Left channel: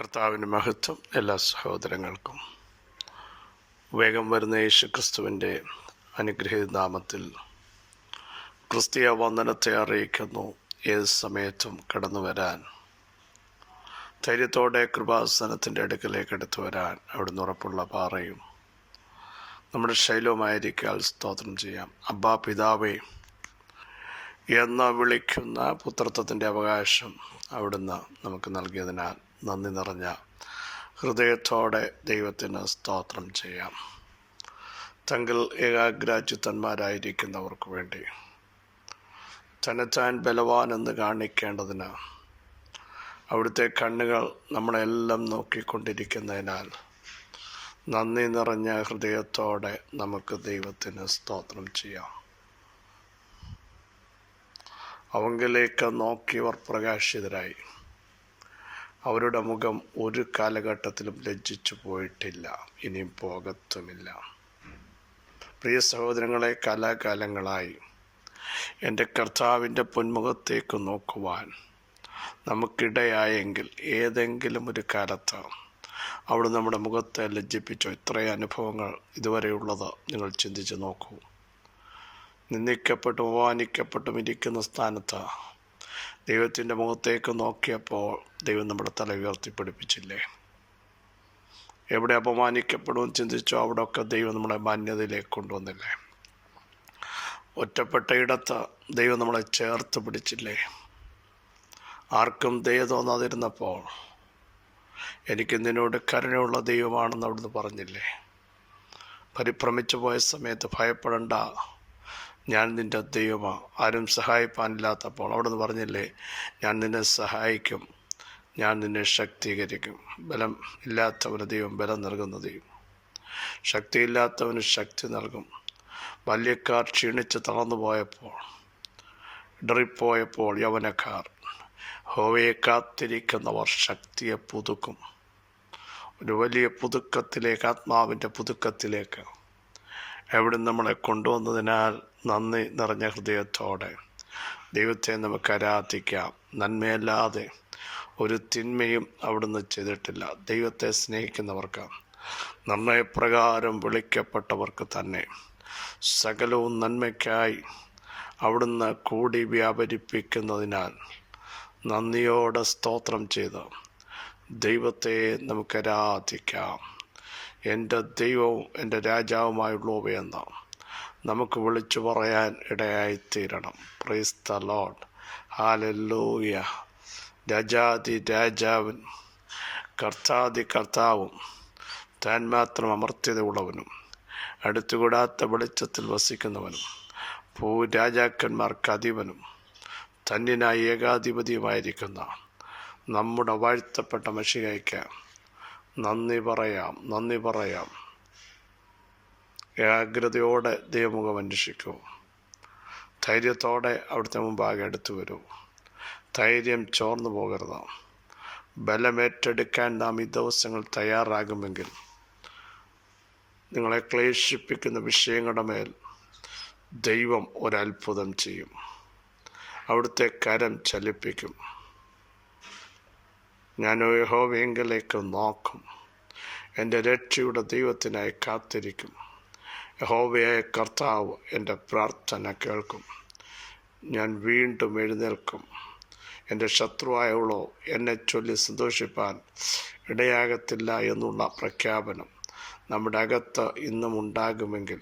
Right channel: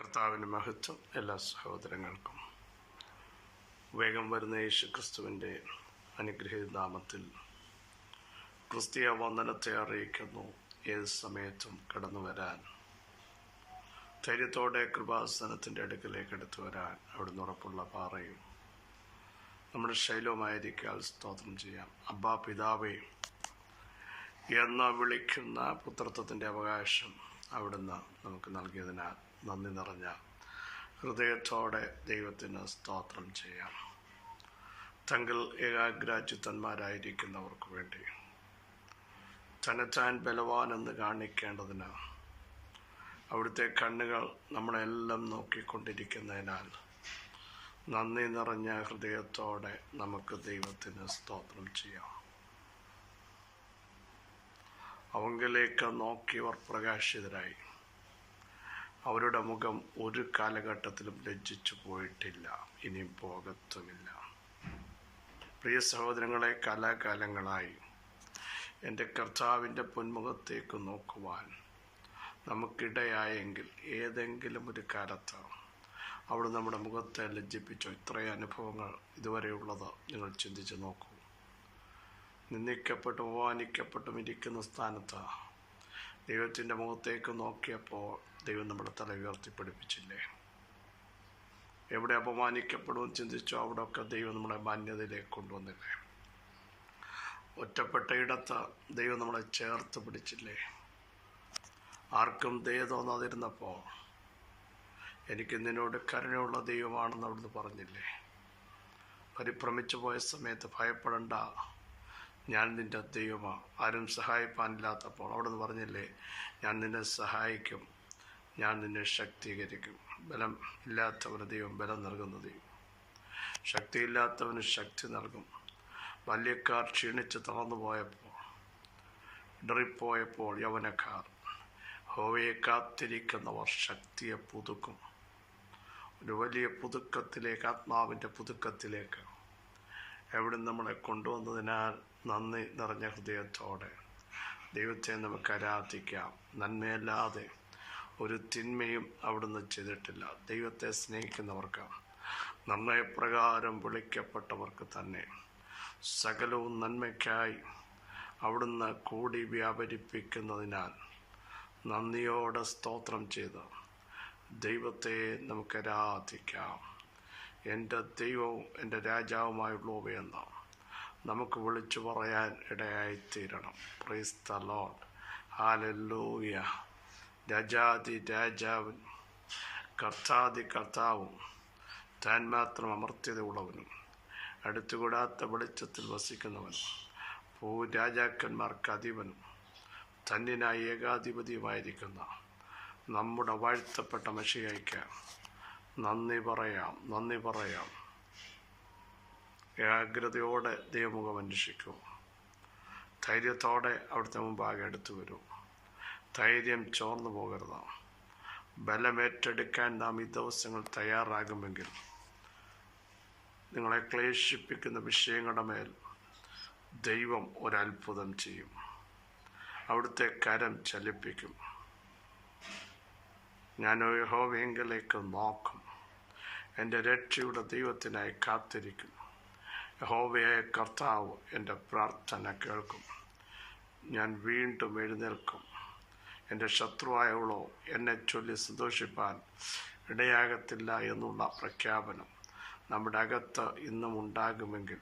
കർത്താവിൻ്റെ മഹത്വം എല്ലാ സഹോദരങ്ങൾക്കും. വേഗം വരുന്ന യേശു ക്രിസ്തുവിൻ്റെ അനുഗ്രഹീത നാമത്തിൽ ക്രിസ്തീയ വന്ദനത്തെ അറിയിക്കുന്നു. ഏത് സമയത്തും കടന്നു വരാൻ, ധൈര്യത്തോടെ കൃപാസനത്തിൻ്റെ അടുക്കലേക്ക് എടുത്തു വരാൻ അവിടുന്ന് ഉറപ്പുള്ള പാറയും നമ്മുടെ ശൈലവുമായിരിക്കാൽ സ്തോത്രം ചെയ്യാം. അബ്ബാ പിതാവേ എന്ന് വിളിക്കുന്ന പുത്രത്വത്തിൻ്റെ അവകാശം അവിടുന്ന് നമുക്ക് നൽകിയതിനാൽ നന്ദി നിറഞ്ഞ ഹൃദയത്തോടെ ദൈവത്തിന് സ്തോത്രം ചെയ്യാം. തങ്കിൽ ഏകാഗ്രാചിത്തന്മാരായിരിക്കുന്നവർക്ക് വേണ്ടി തന്നെത്താൻ ബലവാനെന്ന് കാണിക്കേണ്ടതിന് അവിടുത്തെ കണ്ണുകൾ നമ്മളെല്ലാം നോക്കിക്കൊണ്ടിരിക്കുന്നതിനാൽ നന്ദി നിറഞ്ഞ ഹൃദയത്തോടെ നമുക്ക് ദൈവത്തിന് സ്തോത്രം ചെയ്യാം. അവങ്കിലേക്ക് നോക്കിയവർ പ്രകാശിതരായി. അവരുടെ മുഖം ഒരു കാലഘട്ടത്തിലും ലജ്ജിച്ചു പോയിട്ടില്ല, ഇനിയും പോകത്തുമില്ല. പ്രിയ സഹോദരങ്ങളെ, കാലാകാലങ്ങളായി എൻ്റെ കർത്താവിൻ്റെ പൊന്മുഖത്തേക്ക് നോക്കുവാൻ നമുക്കിടയായെങ്കിൽ ഏതെങ്കിലും ഒരു കാലത്ത് അവിടെ നമ്മുടെ മുഖത്തെ ലജ്ജിപ്പിച്ചോ? ഇത്രയും അനുഭവങ്ങൾ ഇതുവരെയുള്ളത് നിങ്ങൾ ചിന്തിച്ച് നോക്കൂ. നിന്ദിക്കപ്പെട്ടും അപമാനിക്കപ്പെട്ടും ഇരിക്കുന്ന സ്ഥാനത്ത് ദൈവത്തിൻ്റെ മുഖത്തേക്ക് നോക്കിയപ്പോൾ ദൈവം നമ്മുടെ തല ഉയർത്തിപ്പിടിപ്പിച്ചില്ലേ? എവിടെ അപമാനിക്കപ്പെടുമെന്ന് ചിന്തിച്ചോ അവിടെയൊക്കെ ദൈവം നമ്മളെ മാന്യതയിലേക്ക് കൊണ്ടുവന്നില്ലേ? ഒറ്റപ്പെട്ട ഇടത്ത് ദൈവം നമ്മളെ ചേർത്ത് പിടിച്ചില്ലേ? ആർക്കും ദയ തോന്നാതിരുന്നപ്പോൾ എനിക്ക് നിന്നോട് കരുണയുള്ള ദൈവമാണെന്ന് അവിടുന്ന് പറഞ്ഞില്ലേ? പരിഭ്രമിച്ചു പോയ സമയത്ത് ഭയപ്പെടണ്ട, ഞാൻ നിൻ്റെ ദൈവമാണ്, ആരും സഹായിപ്പാനില്ലാത്തപ്പോൾ അവിടുന്ന് പറഞ്ഞില്ലേ, ഞാൻ നിന്നെ സഹായിക്കും, ഞാൻ നിന്നെ ശക്തീകരിക്കും. ബലം ഇല്ലാത്തവന് ദൈവം ബലം നൽകുന്ന ദൈവം, ശക്തിയില്ലാത്തവന് ശക്തി നൽകും. ബാല്യക്കാർ ക്ഷീണിച്ച് തളർന്നു പോയപ്പോൾ, ഇടറിപ്പോയപ്പോൾ യൗവനക്കാർ യഹോവയെ കാത്തിരിക്കുന്നവർ ശക്തിയെ പുതുക്കും. ഒരു വലിയ പുതുക്കത്തിലേക്ക്, ആത്മാവിൻ്റെ പുതുക്കത്തിലേക്ക് എവിടെ നമ്മളെ കൊണ്ടുവന്നതിനാൽ നന്ദി നിറഞ്ഞ ഹൃദയത്തോടെ ദൈവത്തെ നമുക്ക് ആരാധിക്കാം. നന്മയല്ലാതെ ഒരു തിന്മയും അവിടുന്ന് ചെയ്തിട്ടില്ല. ദൈവത്തെ സ്നേഹിക്കുന്നവർക്ക്, നിർണയപ്രകാരം വിളിക്കപ്പെട്ടവർക്ക് തന്നെ സകലവും നന്മയ്ക്കായി അവിടുന്ന് കൂടി വ്യാപരിപ്പിക്കുന്നതിനാൽ നന്ദിയോടെ സ്തോത്രം ചെയ്ത് ദൈവത്തെ നമുക്ക് ആരാധിക്കാം. എൻ്റെ ദൈവവും എൻ്റെ രാജാവുമായുള്ളവയെന്ന് നമുക്ക് വിളിച്ചു പറയാൻ ഇടയായിത്തീരണം. Praise the lord, hallelujah. രാജാതി രാജാവൻ, കർത്താതി കർത്താവും, താൻ മാത്രം അമർത്യതയുള്ളവനും, അടുത്തുകൂടാത്ത വെളിച്ചത്തിൽ വസിക്കുന്നവനും, ഭൂരാജാക്കന്മാർക്ക് അധിപനും, തന്നിനായി ഏകാധിപതിയുമായിരിക്കുന്ന നമ്മുടെ വാഴ്ത്തപ്പെട്ട മശിഹായ്ക്ക് നന്ദി പറയാം, നന്ദി പറയാം. ഏകാഗ്രതയോടെ ദൈവമുഖം അന്വേഷിക്കൂ. ധൈര്യത്തോടെ അവിടുത്തെ മുമ്പാകെ അടുത്തു വരൂ. ധൈര്യം ചോർന്നു പോകരുത്. ബലമേറ്റെടുക്കാൻ നാം ഈ ദിവസങ്ങൾ തയ്യാറാകുമെങ്കിൽ നിങ്ങളെ ക്ലേശിപ്പിക്കുന്ന വിഷയങ്ങളുടെ മേൽ ദൈവം ഒരത്ഭുതം ചെയ്യും. അവിടുത്തെ കരം ചലിപ്പിക്കും. ഞാൻ യഹോവയെങ്കിലേക്ക് നോക്കും, എൻ്റെ രക്ഷയുടെ ദൈവത്തിനായി കാത്തിരിക്കും. യഹോവയായ കർത്താവ് എൻ്റെ പ്രാർത്ഥന കേൾക്കും. ഞാൻ വീണ്ടും എഴുന്നേൽക്കും. എൻ്റെ ശത്രുവായവളോ എന്നെ ചൊല്ലി സന്തോഷിപ്പാൻ ഇടയാകത്തില്ല എന്നുള്ള പ്രഖ്യാപനം നമ്മുടെ അകത്ത് ഇന്നും ഉണ്ടാകുമെങ്കിൽ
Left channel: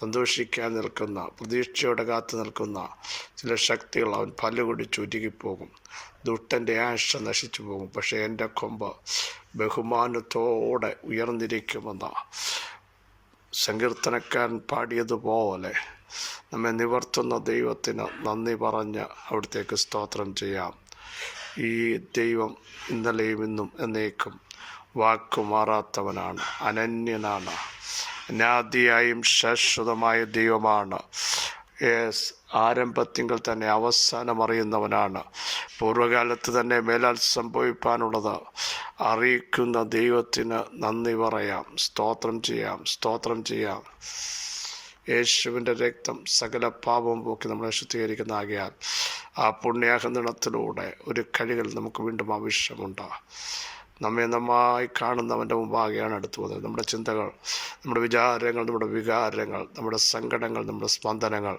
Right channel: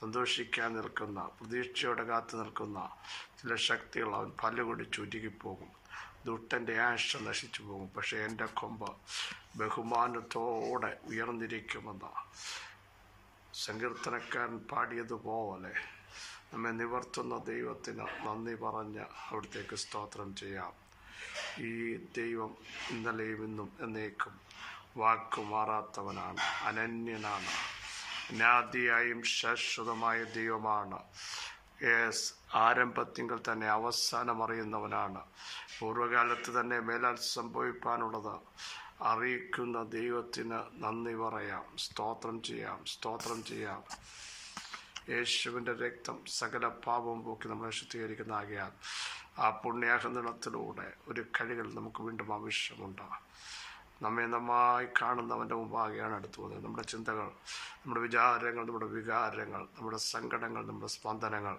സന്തോഷിക്കാൻ നിൽക്കുന്ന, പ്രതീക്ഷയോടെ കാത്തു നിൽക്കുന്ന ചില ശക്തികൾ അവൻ പല്ലുകൊടി ചുരുങ്ങിപ്പോകും. ദുഷ്ടൻ്റെ ആശ നശിച്ചു പോകും. പക്ഷേ എൻ്റെ കൊമ്പ് ബഹുമാനത്തോടെ ഉയർന്നിരിക്കുമെന്ന സങ്കീർത്തനക്കാരൻ പാടിയതുപോലെ നമ്മെ നിവർത്തുന്ന ദൈവത്തിന് നന്ദി പറഞ്ഞ് അവിടത്തേക്ക് സ്തോത്രം ചെയ്യാം. ഈ ദൈവം ഇന്നലെയും ഇന്നും എന്നേക്കും വാക്കുമാറാത്തവനാണ്, അനന്യനാണ്, അനാദിയായും ശാശ്വതമായ ദൈവമാണ്. ആരംഭത്തിങ്കൽ തന്നെ അവസാനം അറിയുന്നവനാണ്. പൂർവ്വകാലത്ത് തന്നെ മേലാൽ സംഭവിപ്പാനുള്ളത് അറിയിക്കുന്ന ദൈവത്തിന് നന്ദി പറയാം, സ്തോത്രം ചെയ്യാം, സ്തോത്രം ചെയ്യാം. യേശുവിൻ്റെ രക്തം സകല പാപവും പോക്കി നമ്മളെ ശുദ്ധീകരിക്കുന്ന ആകയാൽ ആ പുണ്യാഹനിണത്തിലൂടെ ഒരു കഴികൾ നമുക്ക് വീണ്ടും ആവശ്യമുണ്ട്. നമ്മെ നന്നായി കാണുന്നവൻ്റെ മുമ്പാകെയാണ് അടുത്തു പോകുന്നത്. നമ്മുടെ ചിന്തകൾ, നമ്മുടെ വിചാരങ്ങൾ, നമ്മുടെ വികാരങ്ങൾ, നമ്മുടെ സങ്കടങ്ങൾ, നമ്മുടെ സ്പന്ദനങ്ങൾ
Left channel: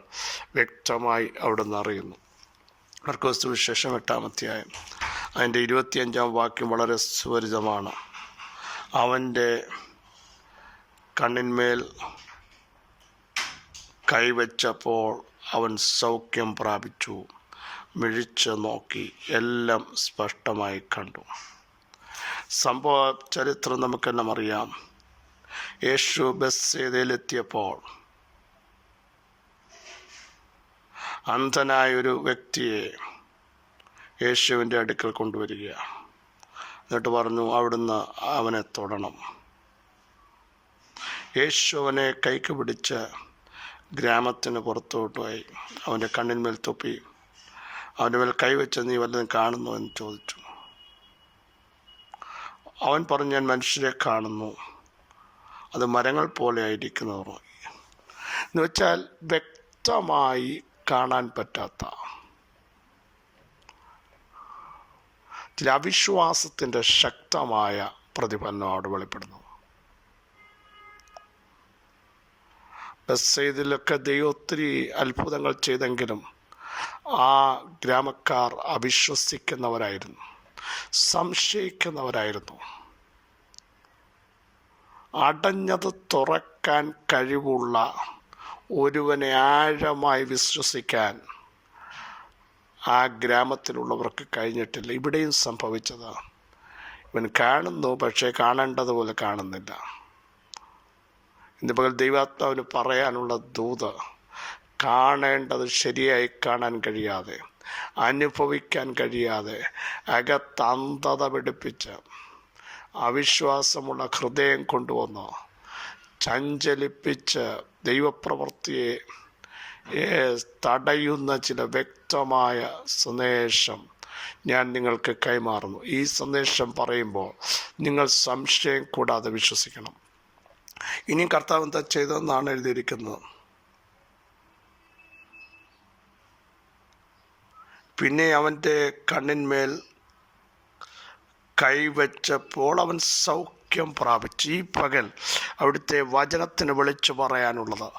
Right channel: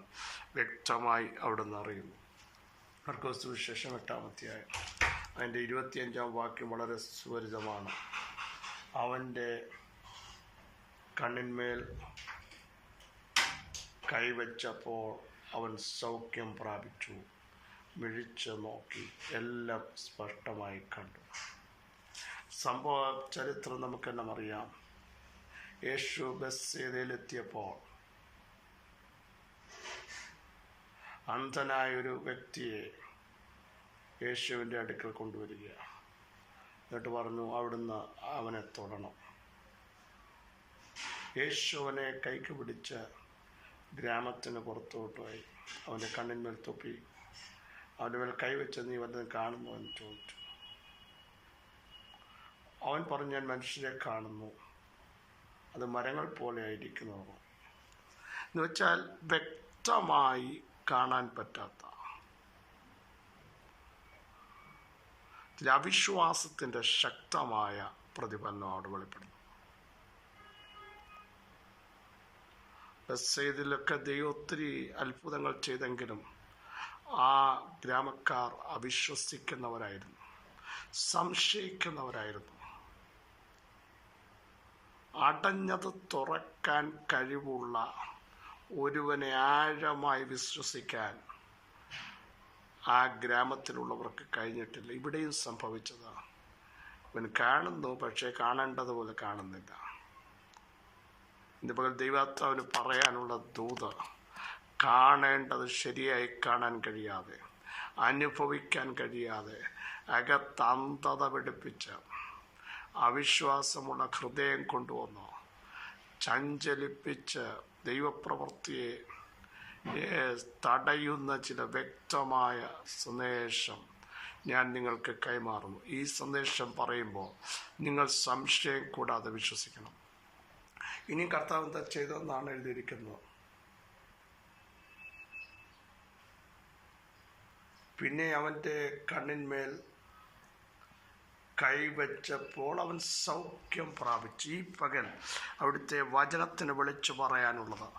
വ്യക്തമായി അവിടുന്ന് അറിയുന്നു. മർക്കോസ് സുവിശേഷം 8-ാം അധ്യായം അതിൻ്റെ 25-ാം വാക്യം വളരെ സുപരിചിതമാണ്. അവൻ്റെ കണ്ണിന്മേൽ കൈവച്ചപ്പോൾ അവൻ സൗഖ്യം പ്രാപിച്ചു. മിഴിച്ച് നോക്കി, എല്ലാം സ്പഷ്ടമായി കണ്ടു. സംഭവ ചരിത്രം നമുക്കെല്ലാം അറിയാം. യേശു ബെത്സയിലെത്തിയപ്പോൾ അന്ധനായൊരു വ്യക്തിയെ യേശുവിൻ്റെ അടുക്കൽ കൊണ്ടുവരികയാണ്. എന്നിട്ട് പറഞ്ഞു, അവിടുന്ന് അവനെ തൊടണം. യേശു അവനെ കൈക്ക് പിടിച്ച് ഗ്രാമത്തിന് പുറത്തോട്ട് പോയി അവൻ്റെ കണ്ണിന്മേൽ തൊപ്പി. അവൻ്റെ മേൽ കൈവച്ച്, നീ വല്ലതും കാണുന്നു എന്ന് ചോദിച്ചു. അവൻ പറഞ്ഞു, ഞാൻ മനുഷ്യരെ കാണുന്നു, അത് മരങ്ങൾ പോലെ ആയിരിക്കുന്നു. എന്ന് വെച്ചാൽ വ്യക്തമായി കാണാൻ പറ്റാത്ത ചില അവിശ്വാസത്തിൻ്റെ ശക്തമായ പ്രതിഫലനം അവിടെ വെളിപ്പെടുന്നു. ബെത്സയിദിലൊക്കെ ദൈവം ഒത്തിരി അത്ഭുതങ്ങൾ ചെയ്തെങ്കിലും ആ ഗ്രാമക്കാർ അവിശ്വസിക്കുന്നവരായിരുന്നു, സംശയിക്കുന്നവരായിരുന്നു. അടഞ്ഞത് തുറക്കാൻ കഴിവുള്ള ഒരുവനെ ആഴമായി വിശ്വസിക്കാൻ ആ ഗ്രാമത്തിലുള്ളവർക്ക് കഴിഞ്ഞിട്ടില്ല. ഇവിടെയും സംഭവിച്ചത്, ഇവൻ കാണുന്നു, പക്ഷേ കാണേണ്ടതുപോലെ കാണുന്നില്ല. ഇന്ന് പകൽ ദൈവാത്മാവിന് പറയാനുള്ള ദൂത്, കാണേണ്ടത് ശരിയായി കാണാൻ കഴിയാതെ, അനുഭവിക്കാൻ കഴിയാതെ, അകത്തന്ധത പിടിപ്പിച്ച് അവിശ്വാസമുള്ള ഹൃദയം കൊണ്ടുവന്ന് ചഞ്ചലിപ്പിച്ച് ദൈവപ്രവൃത്തിയെ തടയുന്ന ചില വ്യക്തമായ സന്ദേശം ഞാൻ നിങ്ങൾക്ക് കൈമാറുന്നു. ഈ സന്ദേശം പറയുമ്പോൾ നിങ്ങൾ സംശയം കൂടാതെ വിശ്വസിക്കണം. ഇനിയും കർത്താവ് എന്താ ചെയ്തതെന്നാണ് എഴുതിയിരിക്കുന്നത്. പിന്നെ അവൻ്റെ കണ്ണിന്മേൽ കൈവച്ചപ്പോൾ അവൻ സൗഖ്യം പ്രാപിച്ചു. ഈ പകൽ അവിടുത്തെ വചനത്തിന് വിളിച്ചു പറയാനുള്ളത്,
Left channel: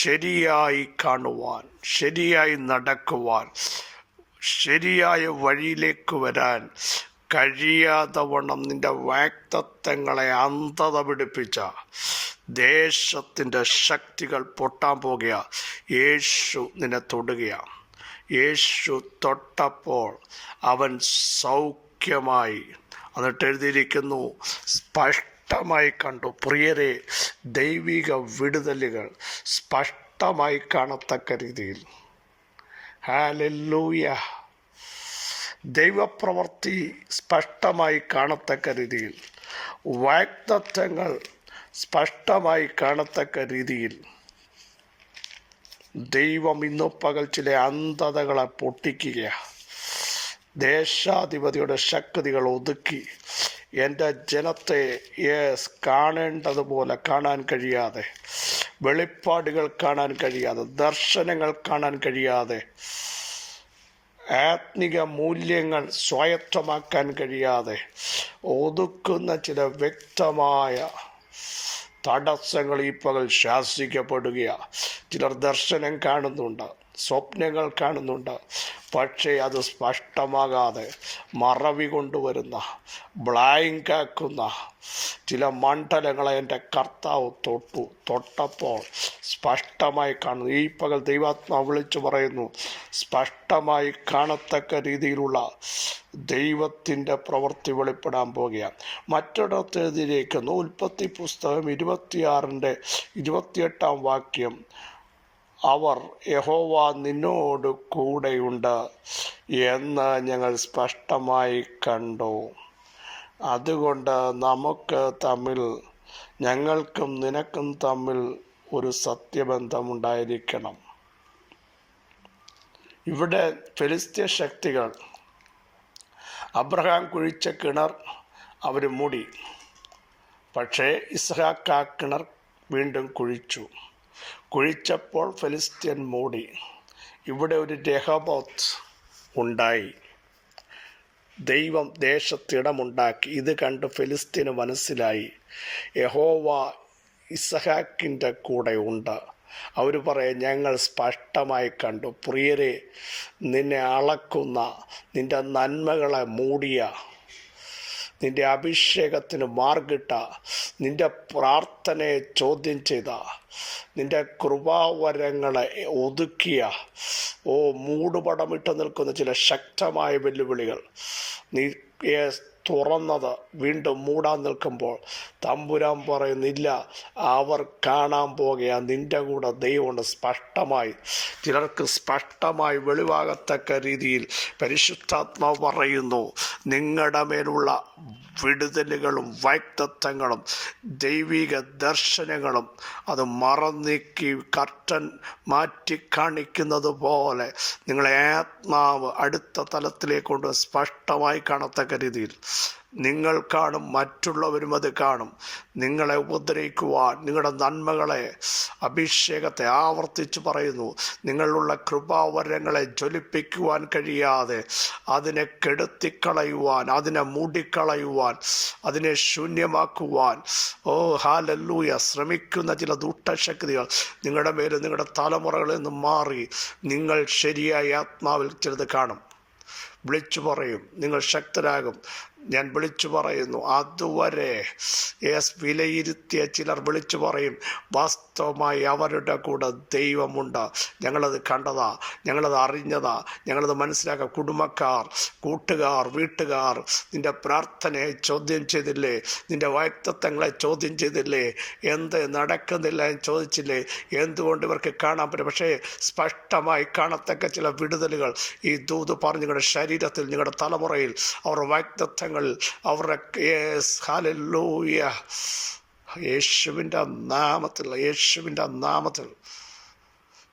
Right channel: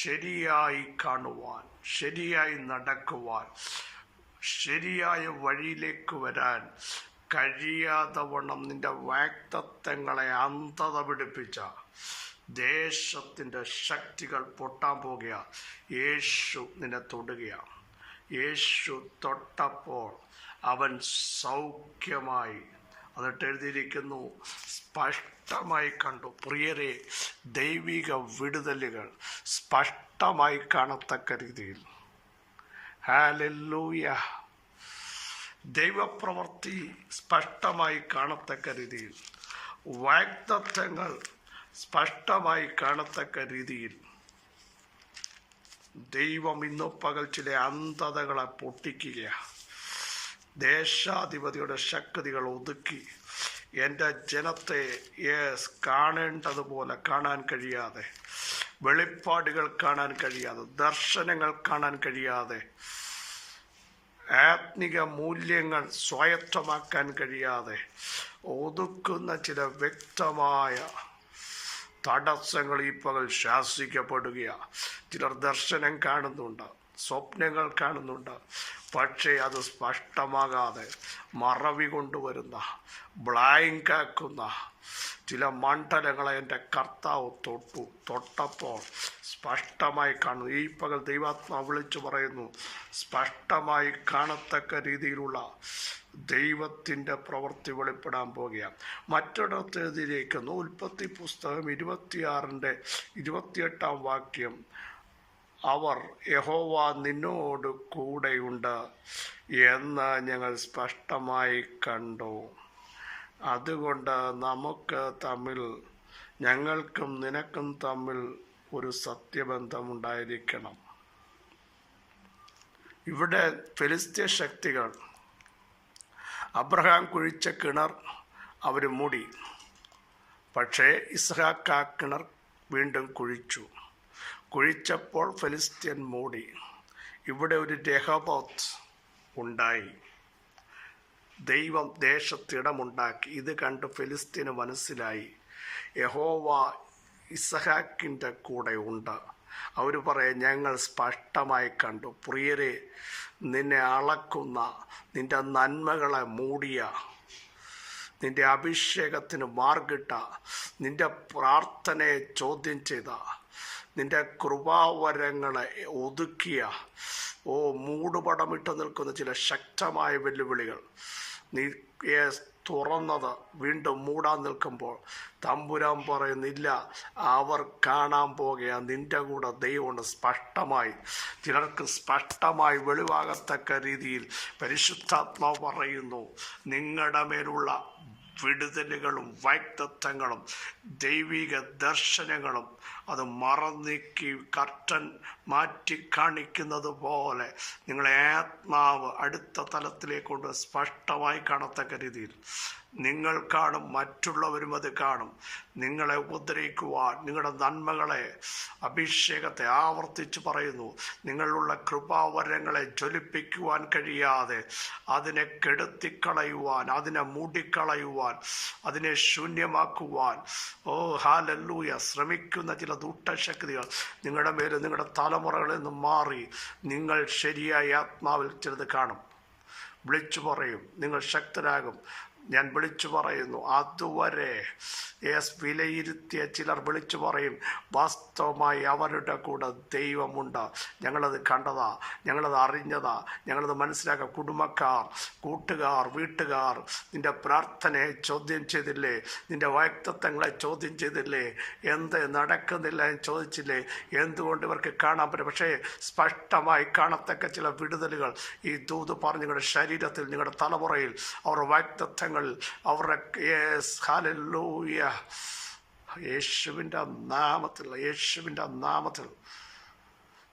ശരിയായി കാണുവാൻ, ശരിയായി നടക്കുവാൻ, ശരിയായ വഴിയിലേക്ക് വരാൻ കഴിയാതെ വണ്ണം നിന്റെ വാഗ്ദത്തങ്ങളെ അന്ധത പിടിപ്പിച്ച ദേശത്തിൻ്റെ ശക്തികൾ പൊട്ടാൻ പോകുക. യേശു നിന്നെ തൊടുകയാണ്. യേശു തൊട്ടപ്പോൾ അവൻ സൗഖ്യമായി. എന്നിട്ട് എഴുതിയിരിക്കുന്നു, സ്പഷ്ടമായി കണ്ടു. പ്രിയരെ, ദൈവിക വിടുതലുകൾ സ്പഷ്ടമായി കാണത്തക്ക രീതിയിൽ, ഹല്ലേലൂയ, ദൈവപ്രവൃത്തി സ്പഷ്ടമായി കാണത്തക്ക രീതിയിൽ, വാഗ്ദത്തങ്ങൾ സ്പഷ്ടമായി കാണത്തക്ക രീതിയിൽ ദൈവം ഇന്നു പകൽ ചില അന്ധതകളെ പൊട്ടിക്കുകയാണ്. ദേശാധിപതിയുടെ ശക്തികൾ ഒതുക്കി എൻ്റെ ജനത്തെ കാണേണ്ടതുപോലെ കാണാൻ കഴിയാതെ, വെളിപ്പാടുകൾ കാണാൻ കഴിയാതെ, ദർശനങ്ങൾ കാണാൻ കഴിയാതെ, ആത്മിക മൂല്യങ്ങൾ സ്വായത്തമാക്കാൻ കഴിയാതെ ഒതുക്കുന്ന ചില വ്യക്തമായ തടസ്സങ്ങൾ ഈ പകൽ ശാസിക്കപ്പെടുകയാണ്. ചിലർ ദർശനം കാണുന്നുണ്ട്, സ്വപ്നങ്ങൾ കാണുന്നുണ്ട്, പക്ഷേ അത് സ്പഷ്ടമാകാതെ മറവി കൊണ്ടുവരുന്ന, ബ്ലാങ്ക് ആക്കുന്ന ചില മണ്ഡലങ്ങളെ എൻ്റെ കർത്താവ് തൊട്ടപ്പോൾ സ്പഷ്ടമായി കാണുന്നു. ഈ പകൽ ദൈവാത്മാവ് വിളിച്ചു പറയുന്നു, സ്പഷ്ടമായി കാണത്തക്ക രീതിയിലുള്ള ദൈവത്തിൻ്റെ പ്രവൃത്തി വെളിപ്പെടാൻ പോകുകയാണ്. മറ്റൊരിടത്ത് എഴുതിയിരിക്കുന്നു, ഉൽപ്പത്തി പുസ്തകം 26-ന്റെ 28-ാം വാക്യം, അവർ യഹോവ നിന്നോട് കൂടെയുണ്ട് എന്ന് ഞങ്ങൾ സ്പഷ്ടമായി കണ്ടു. അതുകൊണ്ട് ഞങ്ങൾക്കും നിനക്കും തമ്മിൽ ഒരു സത്യബന്ധമുണ്ടായിരിക്കണം. ഇവിടെ ഫെലിസ്ത്യ ശക്തികൾ അബ്രഹാം കുഴിച്ച കിണർ അവർ മൂടി, പക്ഷേ ഇസ്ഹാക്ക് ആ കിണർ വീണ്ടും കുഴിച്ചപ്പോൾ ഫെലിസ്ത്യൻ മൂടി. ഇവിടെ ഒരു രഹോബോത്ത് ഉണ്ടായി. ദൈവം ദേശത്തിടമുണ്ടാക്കി. ഇത് കണ്ട് ഫെലിസ്ത്യന് മനസ്സിലായി യഹോവ ഇസഹാക്കിൻ്റെ കൂടെ ഉണ്ട്. അവർ പറയും, ഞങ്ങൾ സ്പഷ്ടമായി കണ്ടു. പ്രിയരെ, നിന്നെ അളക്കുന്ന, നിൻ്റെ നന്മകളെ മൂടിയ, നിൻ്റെ അഭിഷേകത്തിന് മാർഗിട്ട, നിൻ്റെ പ്രാർത്ഥനയെ ചോദ്യം ചെയ്ത, നിൻ്റെ കൃപാവരങ്ങളെ ഒതുക്കിയ, മൂടുപടമിട്ട് നിൽക്കുന്ന ചില ശക്തമായ വെല്ലുവിളികൾ നീ തുറന്നത് വീണ്ടും മൂടാൻ നിൽക്കുമ്പോൾ തമ്പുരാൻ പറയുന്നില്ല, അവർ കാണാൻ പോകുക നിൻ്റെ കൂടെ ദൈവമുണ്ട്. സ്പഷ്ടമായി, ചിലർക്ക് സ്പഷ്ടമായി വെളിവാകത്തക്ക രീതിയിൽ പരിശുദ്ധാത്മാവ് പറയുന്നു, നിങ്ങളുടെ മേലുള്ള വിടുതലുകളും വാഗ്ദത്തങ്ങളും ദൈവിക ദർശനങ്ങളും അത് മറന്നീക്കി കർട്ടൻ മാറ്റി കാണിക്കുന്നത് പോലെ നിങ്ങളെ ആത്മാവ് അടുത്ത തലത്തിലേക്ക് കൊണ്ട് സ്പഷ്ടമായി കാണത്തക്ക രീതിയിൽ നിങ്ങൾ കാണും, മറ്റുള്ളവരും അത് കാണും. നിങ്ങളെ ഉപദ്രവിക്കുവാൻ, നിങ്ങളുടെ നന്മകളെ, അഭിഷേകത്തെ ആവർത്തിച്ച് പറയുന്നു, നിങ്ങളുള്ള കൃപാവരങ്ങളെ ജ്വലിപ്പിക്കുവാൻ കഴിയാതെ അതിനെ കെടുത്തിക്കളയുവാൻ, അതിനെ മൂടിക്കളയുവാൻ, അതിനെ ശൂന്യമാക്കുവാൻ ഹല്ലേലൂയ ശ്രമിക്കുന്ന ചില ദുഷ്ടശക്തികൾ നിങ്ങളുടെ മേലും നിങ്ങളുടെ തലമുറകളിൽ നിന്നും മാറി നിങ്ങൾ ശരിയായ ആത്മാവിൽ ചിലത് കാണും. വിളിച്ചു പറയും, നിങ്ങൾ ശക്തരാകും. ഞാൻ വിളിച്ചു പറയുന്നു. അതുവരെ വിലയിരുത്തിയ ചിലർ വിളിച്ചു പറയും, വാസ്തവമായി അവരുടെ കൂടെ ദൈവമുണ്ട്. ഞങ്ങളത് കണ്ടതാ, ഞങ്ങളത് അറിഞ്ഞതാ, ഞങ്ങളത് മനസ്സിലാക്കുക. കുടുംബക്കാർ, കൂട്ടുകാർ, വീട്ടുകാർ നിൻ്റെ പ്രാർത്ഥനയെ ചോദ്യം ചെയ്തില്ലേ? നിൻ്റെ വാഗ്ദത്തങ്ങളെ ചോദ്യം ചെയ്തില്ലേ? എന്ത് നടക്കുന്നില്ല എന്ന് ചോദിച്ചില്ലേ? എന്തുകൊണ്ട് ഇവർക്ക് കാണാൻ പറ്റും? പക്ഷേ സ്പഷ്ടമായി കാണത്തക്ക ചില വിടുതലുകൾ ഈ ദൂത് പറഞ്ഞ് നിങ്ങളുടെ ശരീരത്തിൽ, നിങ്ങളുടെ തലമുറയിൽ, അവരുടെ വാഗ്ദത്തങ്ങൾ, അവരുടെ ഹല്ലേലൂയ യേശുവിൻ്റെ നാമത്തിൽ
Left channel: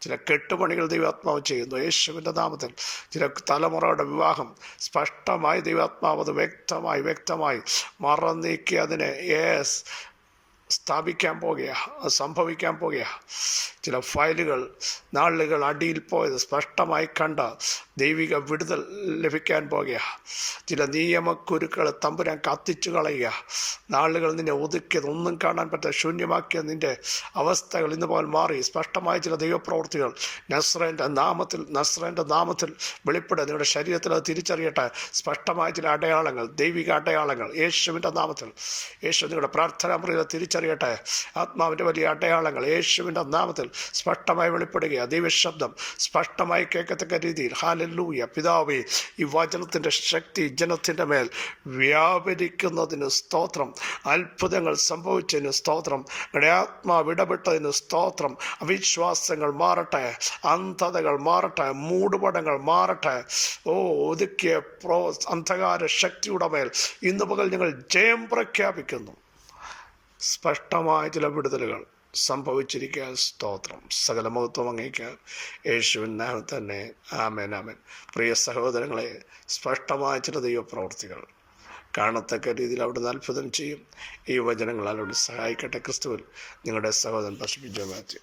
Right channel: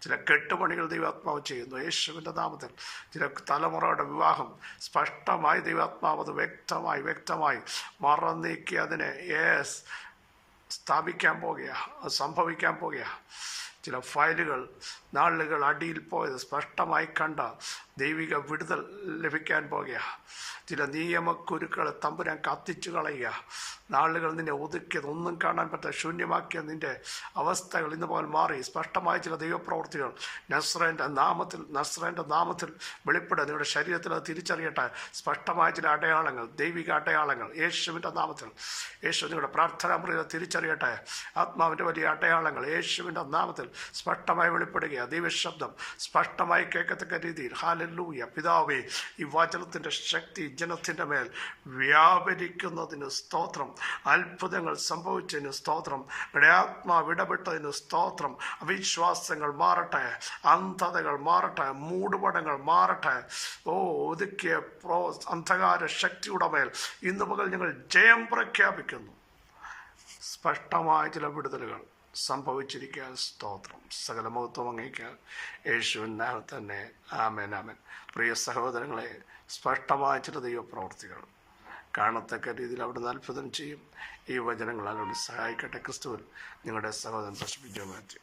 ചില കെട്ടുപണികൾ ദൈവാത്മാവ് ചെയ്യുന്നു. യേശുവിൻ്റെ നാമത്തിൽ ചില തലമുറയുടെ വിവാഹം സ്പഷ്ടമായി ദൈവാത്മാവ് അത് വ്യക്തമായി മറന്നീക്കി അതിനെ സ്ഥാപിക്കാൻ പോകുക, സംഭവിക്കാൻ പോകുക. ചില ഫയലുകൾ നാളുകൾ അടിയിൽ പോയത് സ്പഷ്ടമായി കണ്ട ദൈവിക വിടുതൽ ലഭിക്കാൻ പോകുക. ചില നിയമക്കുരുക്കൾ തമ്പുരാൻ കത്തിച്ചു കളയുക. നാളുകൾ നിന്നെ ഒതുക്കിയത്, ഒന്നും കാണാൻ പറ്റാതെ ശൂന്യമാക്കിയ നിൻ്റെ അവസ്ഥകൾ ഇന്ന് പോൽ മാറി സ്പഷ്ടമായ ചില ദൈവപ്രവൃത്തികൾ നസ്രേൻ്റെ നാമത്തിൽ വെളിപ്പെടുക. നിങ്ങളുടെ ശരീരത്തിൽ അത് തിരിച്ചറിയട്ടെ. സ്പഷ്ടമായ ചില അടയാളങ്ങൾ, ദൈവിക അടയാളങ്ങൾ യേശുവിൻ്റെ നാമത്തിൽ. യേശു നിങ്ങളുടെ പ്രാർത്ഥനാ മുറിയിൽ തിരിച്ചറിയട്ടെ. ആത്മാവിൻ്റെ വലിയ അടയാളങ്ങൾ യേശുവിൻ്റെ നാമത്തിൽ സ്പഷ്ടമായി വെളിപ്പെടുക. ദൈവശബ്ദം സ്പഷ്ടമായി കേൾക്കത്തക്ക രീതിയിൽ. ഹല്ലേലൂയ. പിതാവേ, ഈ വചനത്തിൻ്റെ ശക്തി ജനത്തിൻ്റെ മേൽ വ്യാപരിക്കുന്നതിന് സ്തോത്രം. അത്ഭുതങ്ങൾ സംഭവിച്ചതിന് സ്തോത്രം. നിങ്ങളുടെ ആത്മാവ് ഇടപെട്ടതിന് സ്തോത്രം. അവിശ്വാസങ്ങൾ മാറട്ടെ, അന്ധതകൾ മാറട്ടെ, മൂടുപടങ്ങൾ മാറട്ടെ. ഒതുക്കിയ അന്ധകാര ശക്തിയുടെ മേൽ ഇന്ന് പകൽ ഞങ്ങൾ ജയം പ്രഖ്യാപിക്കുന്നു. സ്പഷ്ടമായ ചില വിടുതലുകൾ സംഭവിച്ചിരിക്കാൻ സ്തോത്രം. സകല മഹത്വം അങ്ങേക്ക് യേശുവിൻ നാമത്തിൽ തന്നെ. ആമേൻ, ആമേൻ. പ്രിയ സഹോദരങ്ങളെ, സ്പഷ്ടമായ ചില ദൈവപ്രവൃത്തികൾ കാണത്തക്ക രീതിയിൽ അവിടുന്ന് അത്ഭുതം ചെയ്യും. ഈ വചനങ്ങളാൽ അവിടെ സഹായിക്കട്ടെ. ക്രിസ്തുവിൽ നിങ്ങളുടെ സഹോദരൻ പാസ്റ്റർ ബിജോ മാത്യു.